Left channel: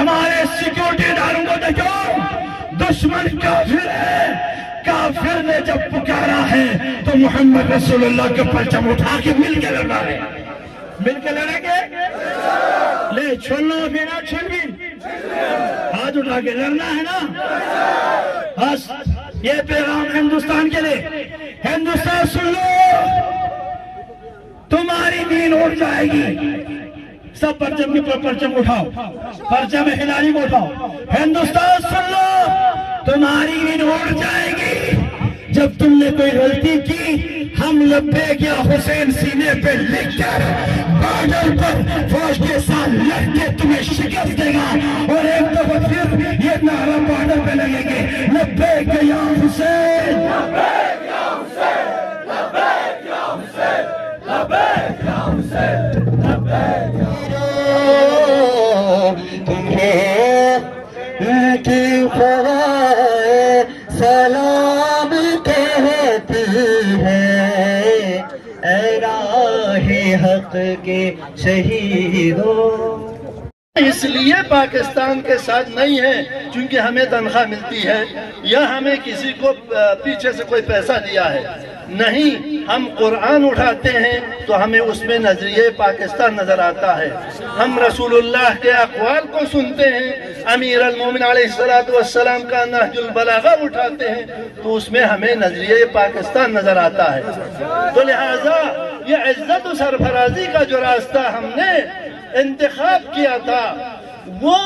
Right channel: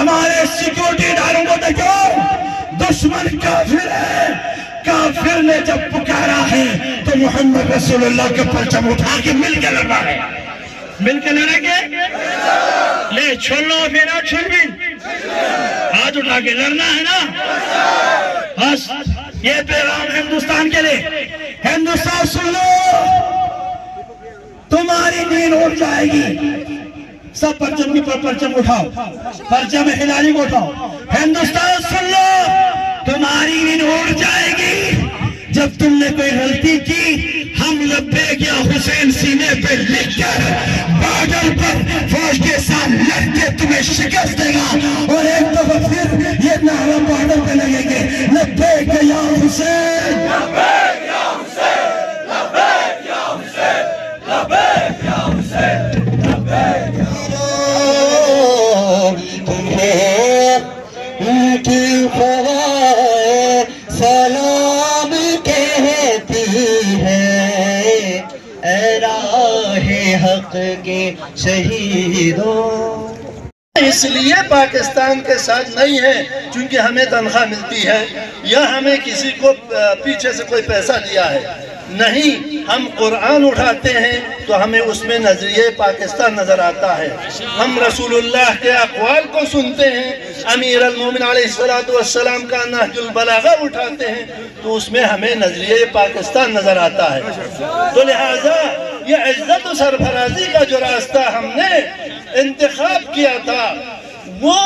ہمارے سیکورٹی اداروں کو دیکھو، دشمن کافر ہے، کافر نے جب پکارا ہے تو محمد رسول اللہ کا پرچم اٹھا کے مل کے لڑنا ہے، مل کے لڑیں گے، لے چھوڑ لو میرا چھوڑ بھی، ہاتھ اٹھا کے لڑنا ہے نا، بس یہ پیغام ہندوستان کے لیے، ہندوستان سن لو، تمہاری نیند اٹھ جائے گی، سب پرچم کی پرچم اٹھاؤ، پرچم ہلالی کو اٹھاؤ، ہندوستان سن لو، تمہاری نیند اٹھ جائے گی، جب تم نے کوئی غلطی کی، ہم لبیک یا حسین سینے پہ لکھ کر بارڈر پر فوج کے ساتھ لڑ کے تمہیں شکست دے گا، اور ایک دفعہ پھر یہ نعرہ بارڈر پہ لگیں گے، لبیک یا حسین، لبیک یا حسین، لبیک یا حسین، لبیک یا حسین، لبیک یا حسین، تمہیں کی فوائے سلام کہتی ہے، اے راہ حق کے شہیدوں۔ اس لیے پاکستان کے ساتھ نہیں ہے چونکہ ہمیں تنخواہ ملتی ہے یا ہمیں کسی کو پیچھے سے کوئی پیسہ دیا ہے، نہیں، ہم قرآن اٹھاتے ہیں تو ہمیں اس میں نظریہ پاکستان نظر آتا ہے، ہم رسول اللہ کے اقوال کو سنتے ہیں، امیر المومن علیہ السلام کا نہج البلاغہ اٹھاتے ہیں تو اس میں ہمیں نظریہ پاکستان نظر آتا ہے، تو لہٰذا یہ عزت و سرفرازی کا جو راستہ ہم نے انتخاب کیا تھا وہ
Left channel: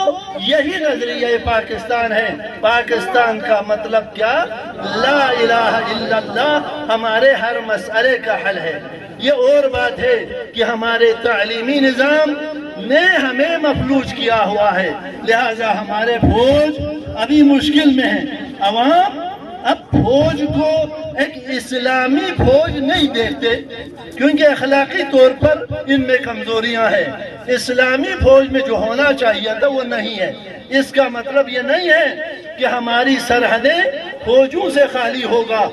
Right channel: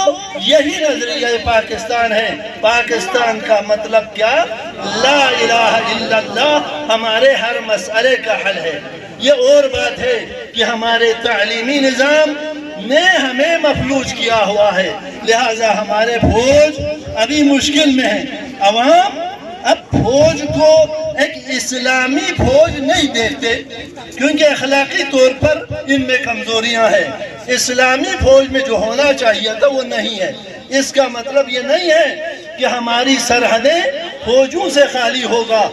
یہی نظریہ پاکستان ہے۔ پاکستان کا مطلب کیا؟ لا الہ الا اللہ ہمارے ہر مسئلے کا حل ہے۔ یہ اور بات ہے کہ ہمارے تعلیمی نظام نے ہمیں مفلوج کیا ہوا ہے، لہٰذا ہمارے فوج ابھی مشکل میں ہے۔ عوام اب فوج کو ایک اسلامی فوج نہیں دیکھتے کیونکہ اخلاقی طور پر ان میں کمزوریاں ہیں، اسلامی فوج میں جو ہونا چاہیے تھا وہ نہیں ہے۔ اس کا مطلب یہ نہیں ہے کہ ہماری سرحدیں فوجوں سے خالی ہوگا،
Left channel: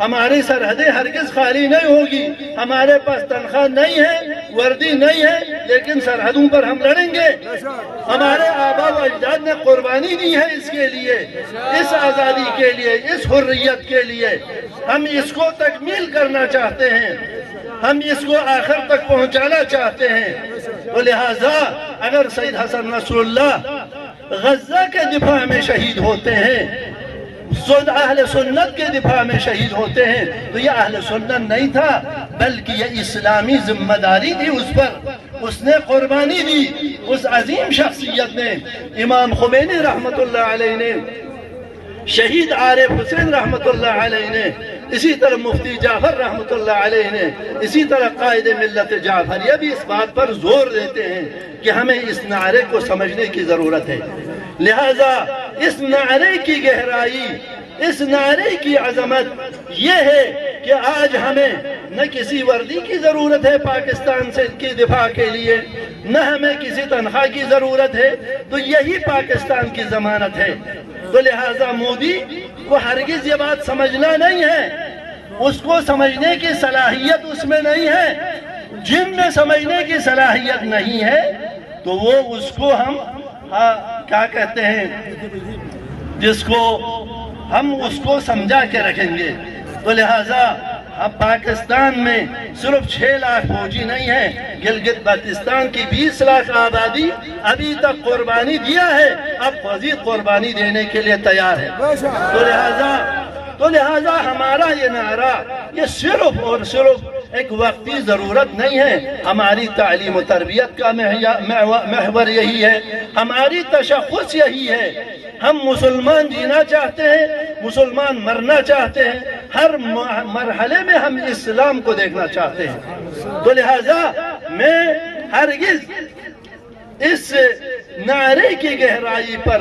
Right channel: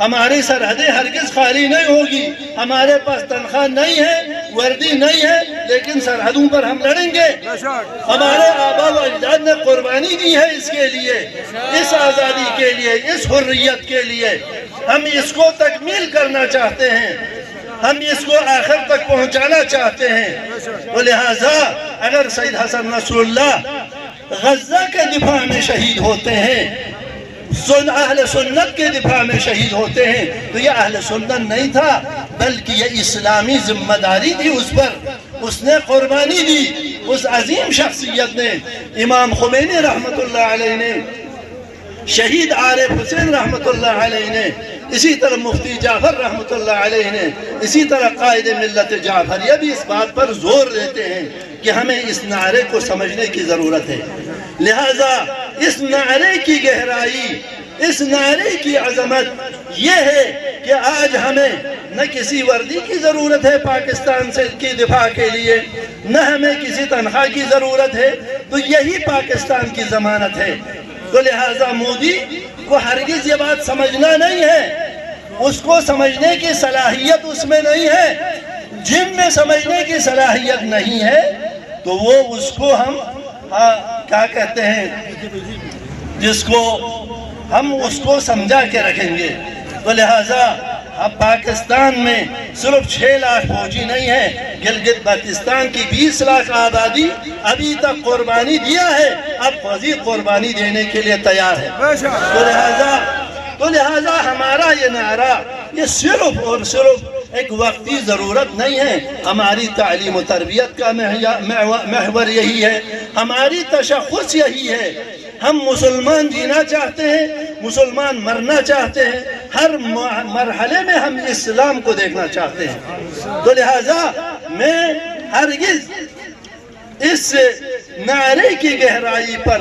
ہماری سرحدیں ہرگز خالی نہیں ہوگی، ہمارے پاس تنخواہ نہیں ہے، وردی نہیں ہے، لیکن سرحدوں پر ہم لڑیں گے۔ ہمارے آبا و اجداد نے قربانی دی ہے اس کے لیے، اس آزادی کے لیے، اس حریت کے لیے، ہم اس کو تکمیل کرنا چاہتے ہیں، ہم اس کو آخر تک پہنچانا چاہتے ہیں۔ تو لہٰذا اگر سید حسن نصر اللہ غزہ کے دفاع میں شہید ہوتے ہیں، اہل سنت کے دفاع میں شہید ہوتے ہیں، تو یہ اہل سنت نہیں تھا بلکہ یہ اسلامی ذمہ داری تھی اس پر، اس نے قربانی دی، اس عظیم شخصیت نے، امام خمینی رحمت اللہ علیہ نے، شہید عارف حسین رحمت اللہ علیہ نے، اسی طرح مفتی جعفر رحمت اللہ علیہ نے، اسی طرح قائد ملت جعفریہ بھی اس بات پر زور دیتے ہیں کہ ہمیں اس نعرے کو سمجھنے کی ضرورت ہے۔ لہٰذا اس نعرے کی گہرائی، اس نعرے کی عظمت یہ ہے کہ آج ہمیں نہ کسی وردی کی ضرورت ہے پاکستان سے کی دفاع کے لیے، نہ ہمیں کسی تنخواہ کی ضرورت ہے، تو یہی پاکستان کی ضمانت ہے۔ تو لہٰذا مودی کو ہرگز یہ بات سمجھنا نہیں ہے، اس کو سمجھنے کی صلاحیت اس میں نہیں ہے، جن میں سمجھنے کی صلاحیت نہیں ہے تو وہ اس کو ہم کیا کہتے ہیں، جس کو ہم اس کو سمجھا کے رکھیں گے۔ تو لہٰذا اب پاکستان میں صرف 6 لاکھ فوجی نہیں ہیں، گلگت بلتستان کی 20 لاکھ آبادی ابھی تک قربانی دیا ہے، اب مزید قربانی دینے کے لیے تیار ہے۔ تو لہٰذا ہمارا یہ نعرہ یہ صرف اور صرف ایک وقتی ضرورت نہیں ہے، ہماری تعلیم و تربیت کا محور یہی ہے، ہماری تشخص یہی ہے، ہم مسلمان جینا چاہتے ہیں، مسلمان مرنا چاہتے ہیں، ہر مرحلے میں ہم اسلام کو دیکھنا چاہتے ہیں۔ تو لہٰذا میں ہرگز اس نعرے کی گہرائی پر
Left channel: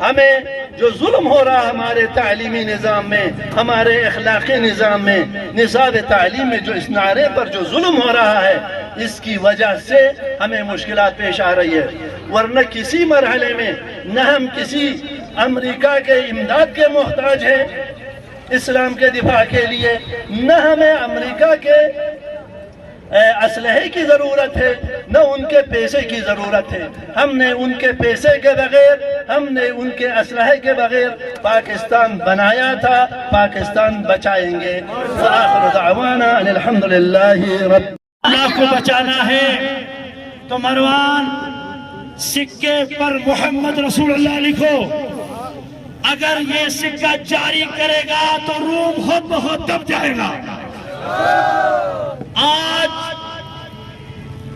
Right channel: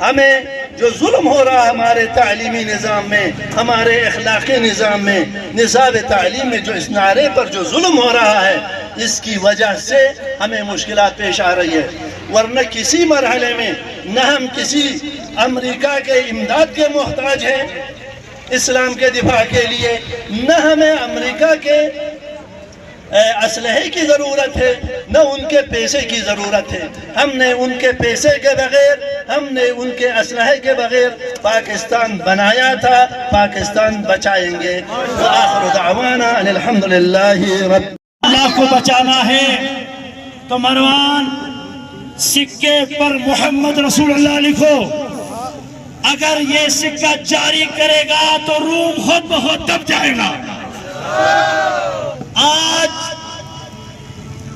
ہمیں جو ظلم ہو رہا ہمارے تعلیمی نظام میں، ہمارے اخلاقی نظام میں، نصاب تعلیم میں جو اس نعرے پر جو ظلم ہو رہا ہے، اس کی وجہ سے ہمیں مشکلات پیش آ رہی ہے، ورنہ کسی مرحلے میں نہ ہم کسی امریکہ کے امداد کے محتاج ہیں اسلام کے دفاع کے لیے، نہ ہمیں امریکہ کے اسلحے کی ضرورت ہے نہ ان کے پیسے کی ضرورت ہے. ہم نے ان کے پیسے کے بغیر، ہم نے ان کے اسلحے کے بغیر پاکستان بنایا تھا، پاکستان بچائیں گے. وآخر دعوانا ان الحمدللہ رب. اللہ کو بچانا ہے تو مروان سکے پر محمد رسول اللہ لکھو. اگر یہ سکہ جاری کرے گا تو روم خود بخود دب جائے گا. آج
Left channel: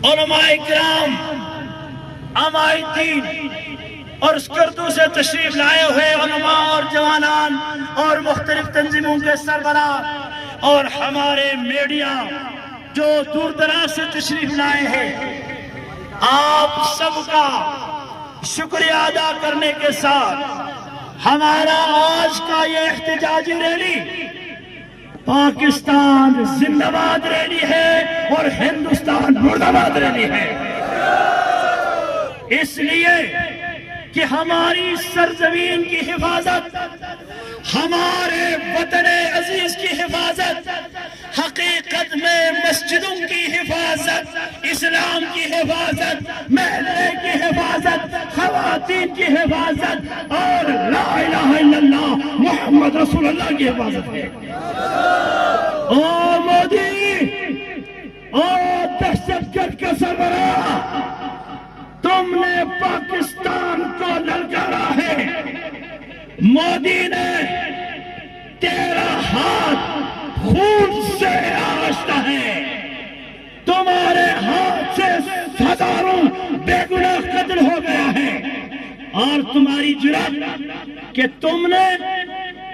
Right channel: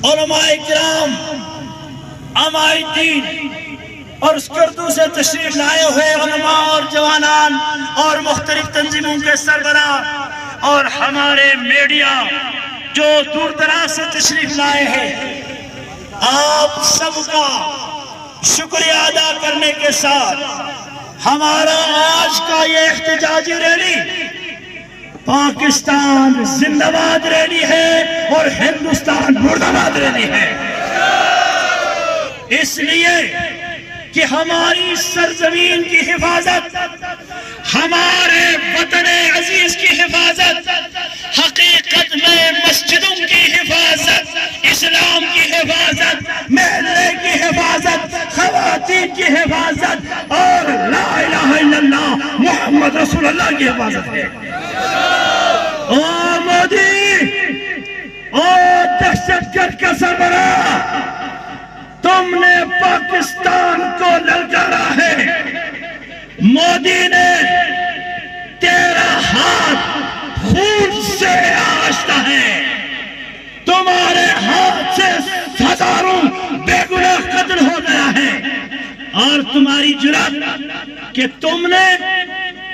علماء کرام، عمائدین اور اسکردو سے تشریف لائے ہوئے علماء اور جوانان اور مختلف تنظیموں کے سربراہ اور ہمارے میڈیا جو دور دراز سے تشریف لائے ہیں، آپ سب کا شکریہ ادا کرنے کے ساتھ ہمارا آج کا یہ احتجاجی ریلی پاکستان زندہ باد ریلی ہے اور ہندوستان مردہ باد ریلی ہے. اس لیے کہ ہماری سرزمین کی حفاظت، ہمارے وطن عزیز کی حفاظت، حقیقت میں مسجدوں کی حفاظت، اسلام کی حفاظت، محلے کی حفاظت، خواتین کی حفاظت اور لا الہ الا اللہ محمد رسول اللہ کی حفاظت ہے. او مودی، او دہشت گرد کا سربراہ، تم نے پاکستان کو للکارا ہے. مودی نے تیرا ہاتھ خون سے آشتا ہے. تمہارے ہاتھ سے ہزاروں بے گناہ قتل ہو گیا ہے. اور تمہاری جرات کہ تم نے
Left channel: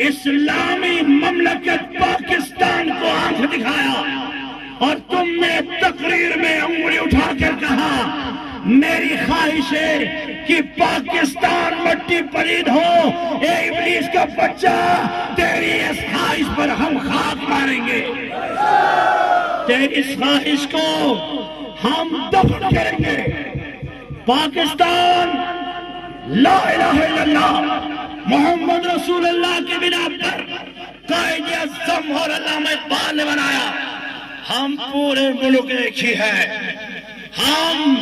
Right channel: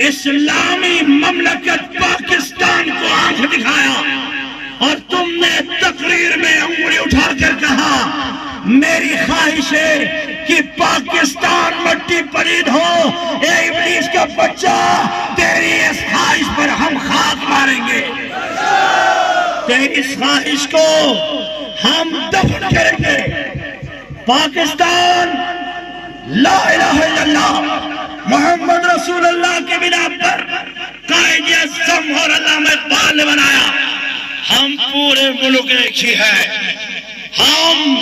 اسلامی مملکت پاکستان کو آنکھ دکھایا اور تم نے تقریر میں انگلی اٹھا کر کہا میری خواہش ہے کہ پاکستان مٹی پلید ہو. اے ابلیس کا بچہ، تیری اس خواہش پر ہم خاک ماریں گے، تیری اس خواہش کو ہم دفن کریں گے. پاکستان لا الہ الا اللہ محمد رسول اللہ کی بنا پر قائد اعظم اور علامہ اقبال نے بنایا. ہم پورے ملک ایک ہی ہے. ہم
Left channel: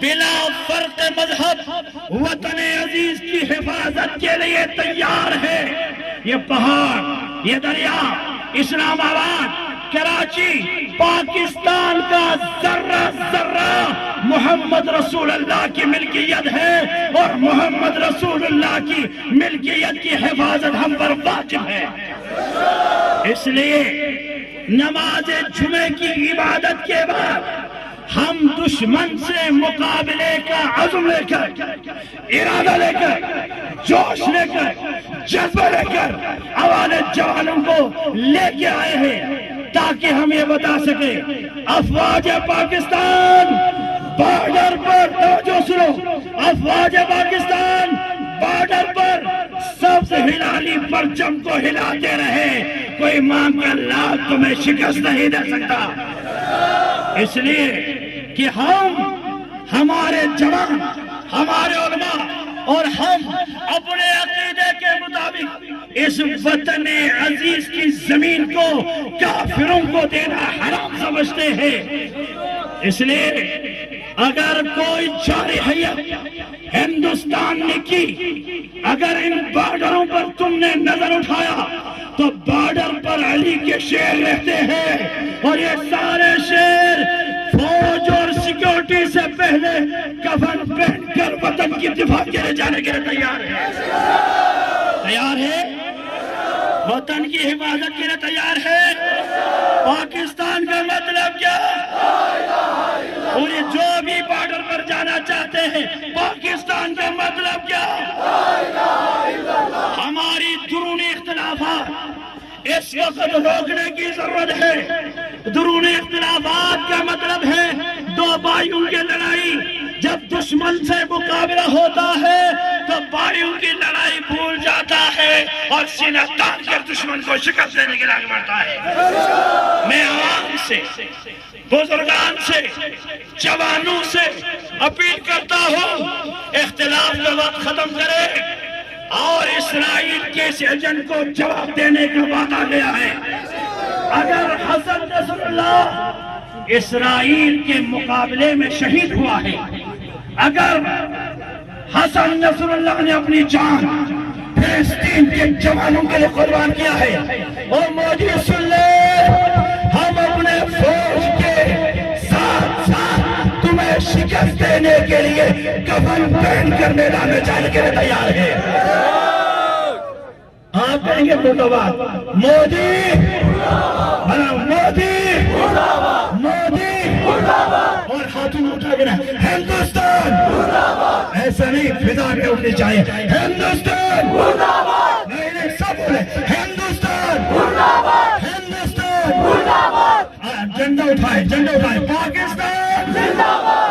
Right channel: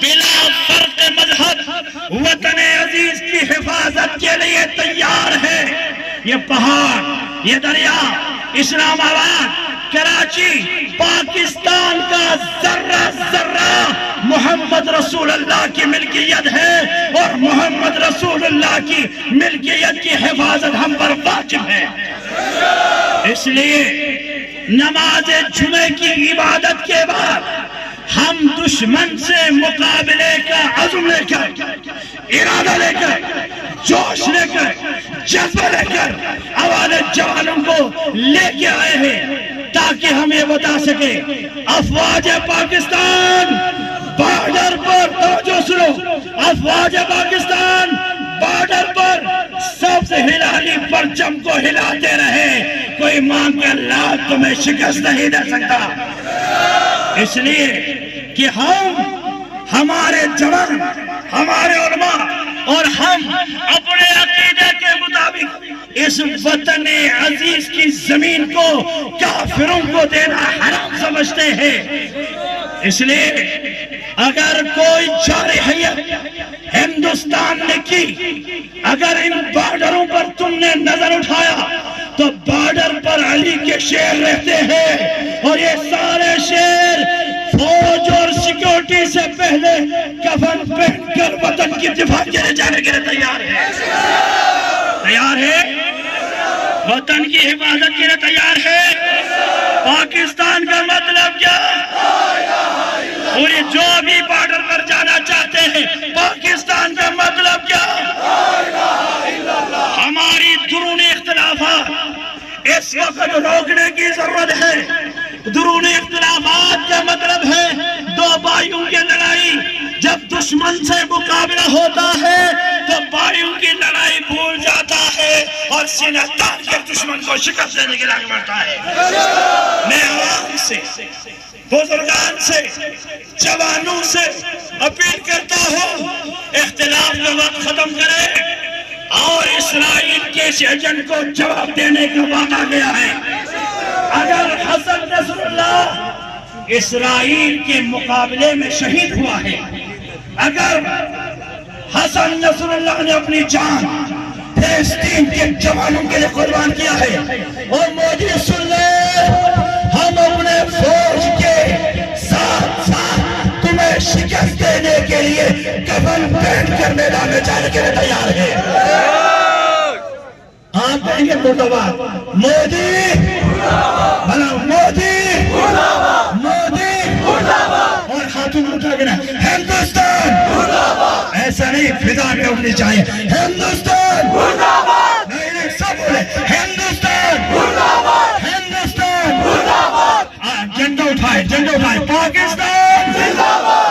بلا فرق مذہب وطن عزیز کی حفاظت کے لیے تیار ہیں. یہ پہاڑ، یہ دریا، اسلام آباد، کراچی، پاکستان کا ذرہ ذرہ محمد رسول اللہ کی ملکیت ہے اور محمد رسول اللہ کی ملکیت کی حفاظت ہم پر واجب ہے. اس لیے نماز جمعے کی عبادت کے بعد ہم دشمن سے مقابلے کا عزم لے کر، ارادہ لے کر، جوش لے کر، جذبہ لے کر ہمارے جوانوں کو لے کے آئے ہیں تاکہ ہم یہ بتا سکیں افواج پاکستان بارڈر پر، توجہ سنو، افواج پاکستان بارڈر پر سبز ہلالی پرچم کو ہلاتے رہے. کوئی مانگ کر لات تمہیں شکست نہیں دے سکتا. اس لیے کہ ہم، ہمارے جوان، ہمارے علماء اور ہم اپنے عقیدے کے مطابق اس وطن عزیز کی زمین کو کافروں کو دینا حرام سمجھتے ہیں. اس لیے اگر کوئی جارحیت ہندوستان نے کی، اگر ان بارڈروں پر تم نے نظر اٹھایا تو بارڈر پر علی کے شیر رہتے ہیں اور یہ سارے شیر فوج اور سیکیورٹی سے پہلے کفن پہن کر وطن کی دفاع کے لیے جانے کے لیے تیار ہے. تیار ہے، وطن کی حفاظت کے لیے تیار ہے. پاکستان کا مطلب کیا؟ اور یہ جو بھی بارڈر پر جانا چاہتے ہیں، پاکستان کا مطلب کیا؟ ہماری درونی اختلافات اس وقت روکنے کی ضرورت ہے. درونی اختلافات کا مطلب ہے دو بھائیوں کی لڑائی. جب دشمن سے مقابلہ ہوتا ہے تو بھائیوں کی لڑائی بھول جاتا ہے اور سینہ تان کر دشمن کو شکست دینے کے لیے بڑھتا ہے. میں عوام سے، بزرگان سے، جوانوں سے اپیل کرتا ہوں اختلاف کا وقت ختم کرے اور اسرائیل کے اس ایجنٹ کو جواب دینے کا وعدہ گیا ہے. اگر حسن نصر اللہ اسرائیل کے مقابلے میں شہید ہوا ہے. اگر حسن نصر اللہ نے اپنی جان فلسطین کے جوانوں کے لیے قربان کیا ہے، اور مودی سن لے، ہم اپنے فوج کے ساتھ ساتھ تمہیں شکست دینے کے لیے کفن پہن کر میدان میں جانے کے لیے تیار ہیں. آپ کہیں گے مرتبہ مودی بنا، مودی مودی، اور خاتون اٹھا کے ہندوستان، ایسا نہیں فضا پہ اٹھنی چاہیے، ہندوستان، نہیں سب بولے ہندوستان، ہندوستان، جھنڈا اٹھائے، جھنڈا اٹھائے، پاکستان،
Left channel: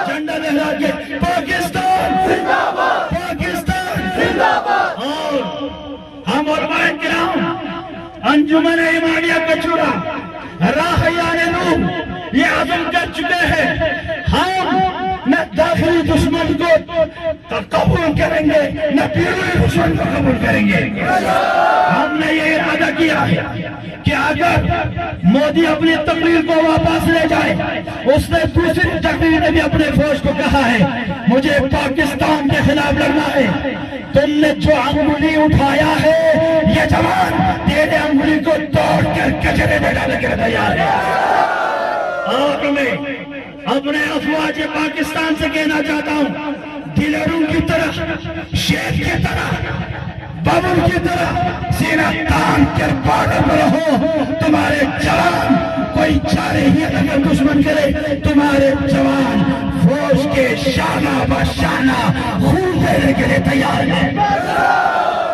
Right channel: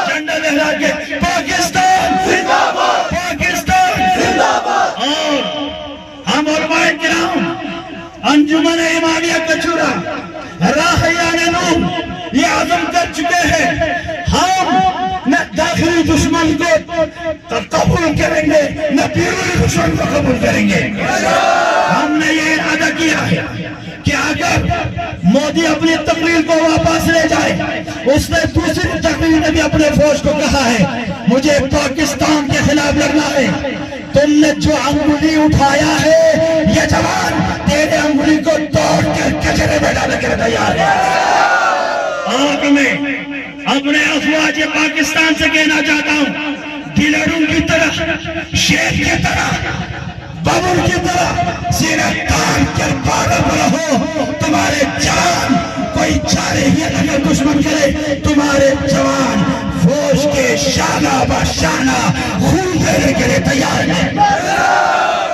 جھنڈا لہرا کے پاکستان، پاکستان. اور ہم علماء کرام انجمن امامیہ کچورا راہیان نور یہ عزم کر چکے ہیں، ہم نہ داخلی دشمن کو قبول کریں گے نہ بیرونی دشمن کو قبول کریں گے. ہم نے یہ ارادہ کیا ہے کہ اگر مودی اپنی تقریر کو واپس لے جائے، اس نے دوسری تقریر میں بھی اپنے فوج کو کہا ہے مجھے پاکستان کے خلاف لڑنا ہے. تم نے جو انگلی اٹھایا ہے یہ جوان تیرے انگلی کو توڑ کر کچرے میں ڈالنے کے لیے تیار ہے. آج میں اپنے افواج پاکستان سے کہنا چاہتا ہوں، گلڑوں کی طرح، شیر کی طرح، بابر کی طرح سینہ تان کر بارہ رہو. تمہارے جوان کوئی چارے ہی اگر دشمن کرے، تمہارے جوان فوج کے شانہ بشانہ خون دینے کے لیے تیار ہیں.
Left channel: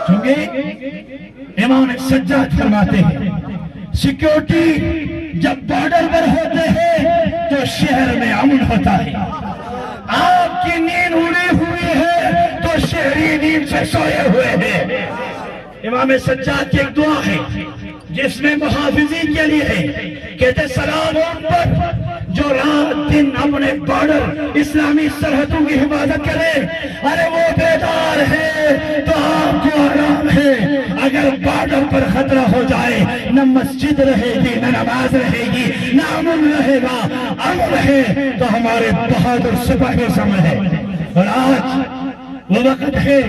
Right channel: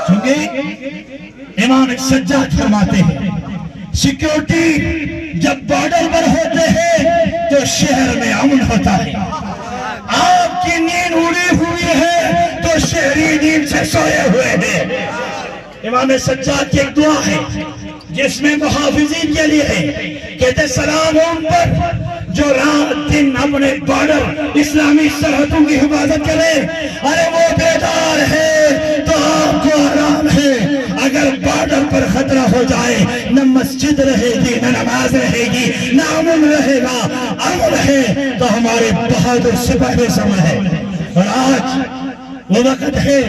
چونکہ امام سجاد فرماتے ہیں سیکیورٹی جب بارڈر پر ہوتے ہیں تو شہر میں امن ہوتا ہے. آپ کی نیند اڑی ہوئی ہے تو شہری نیند سے سوئے ہوئے ہیں. امام سجاد کی ایک دعا ہے جس میں محافظین کے لیے ہے، کہتے سلام ان پر جو رات دن اپنے بارڈر اسلامی سرحدوں کی حفاظت کرے. ارے وہ بیدار ہے تو آپ کو آرام ہے. اگر بارڈر پر خطرہ ہو جائے، نہ مسجد رہے گی، نہ نماز رہے گی، نہ امن رہے گا. امن ہے تو ہمارے بہادر سپاہی سامنے ہے. اور آج وہ وقت ہے